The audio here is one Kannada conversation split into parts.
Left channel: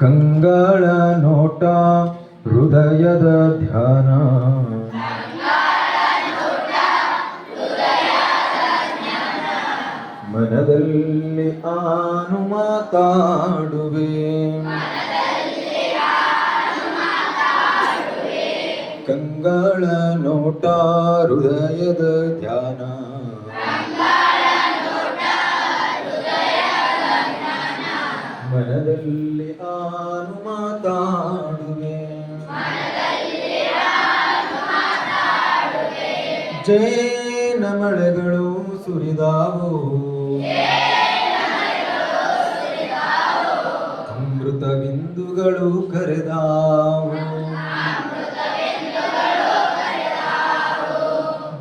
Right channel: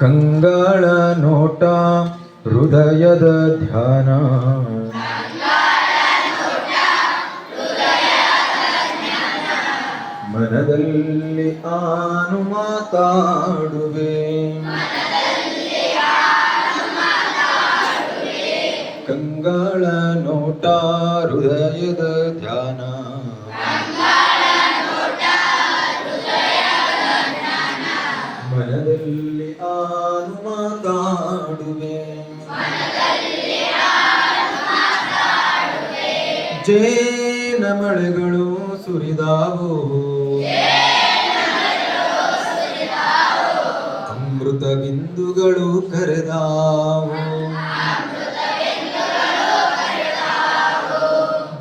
ಕಂಗಳ ನೋಟ ಹೃದಯದ ಧ್ಯಾನ ಮನದಲ್ಲಿ ಆನು ಮಾತಾಡುವೆ ಕಂಗಳ ನೋಟ ಹೃದಯದ ಧ್ಯಾನ ಮನದಲ್ಲಿ ಜೇನ ಮಳೆಗಳು ಸುರಿದಾವು ಅಮೃತ ಬಿಂದುಗಳು ಕರೆದಾವು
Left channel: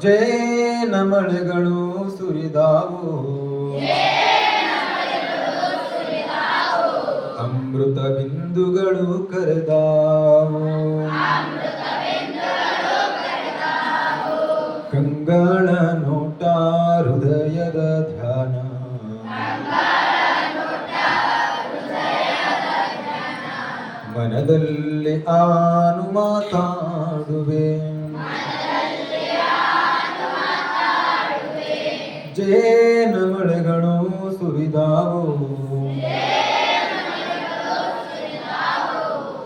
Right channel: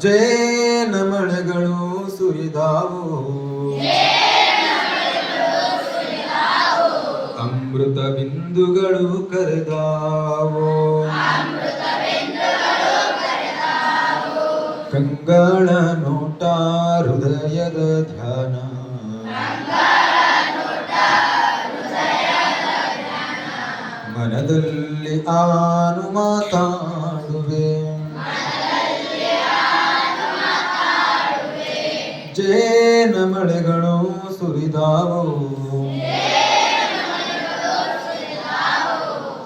ಜೇನ ಮಳೆಗಳು ಸುರಿದಾವು ಅಮೃತ ಬಿಂದುಗಳು ಕರೆದಾವು ಕಂಗಳ ನೋಟ ಹೃದಯದ ಧ್ಯಾನ ಮನದಲ್ಲಿ ಆನು ಮಾತಾಡುವೆ ಜೇನ ಮಳೆಗಳು ಸುರಿದಾವು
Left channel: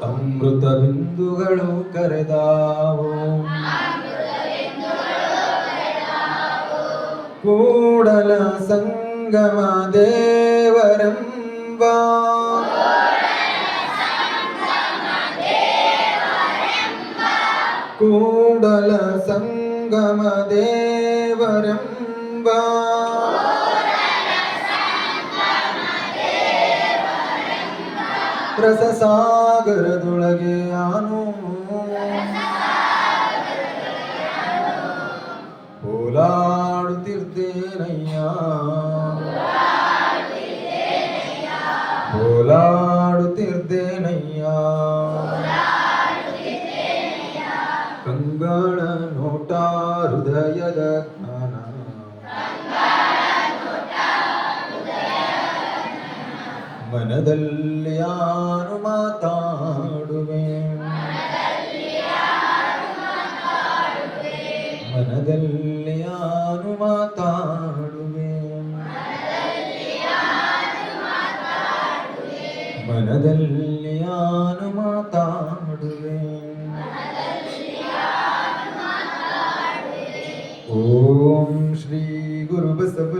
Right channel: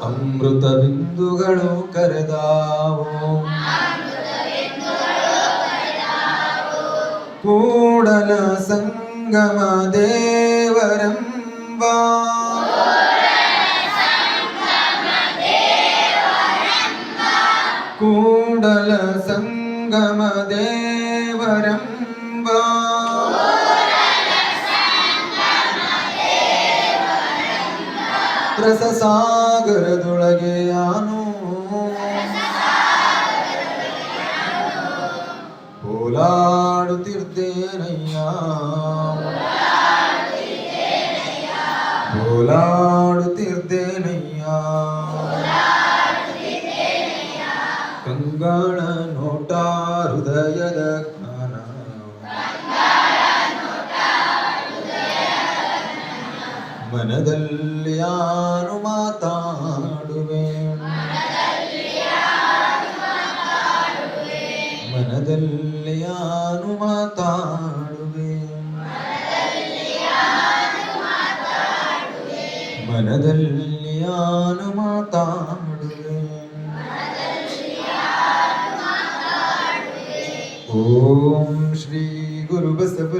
ಅಮೃತ ಬಿಂದುಗಳು ಕರೆದಾವೋ ಕೂಡಲ ಸಂಗಮ ದೇವರೆಂಬ ಕೂಡಲ ಸಂಗಮ ದೇವರೆಂಬ ರಸಸಾಗರದೊಳಗೆ ಆನು ಓಡಾಡುತ್ತಿರ್ತೇನಯ್ಯ ಓಲಾಡುತ್ತಿರ್ತೇನಯ್ಯ ಕಂಗಾಣ ನೋಟ ಹೃದಯದ ಜ್ಞಾನ ಮನದಲ್ಲಿ ಯಾರು ಮಾತಾಡುವೆ ಮನದಲ್ಲಿ ಮಾತಾಡುವೆ ಮನದಲ್ಲಿ ಯಾನು ಮಾತಾಡುವೆ ಓಂ ಶ್ರೀ ಗುರು ಬಸವ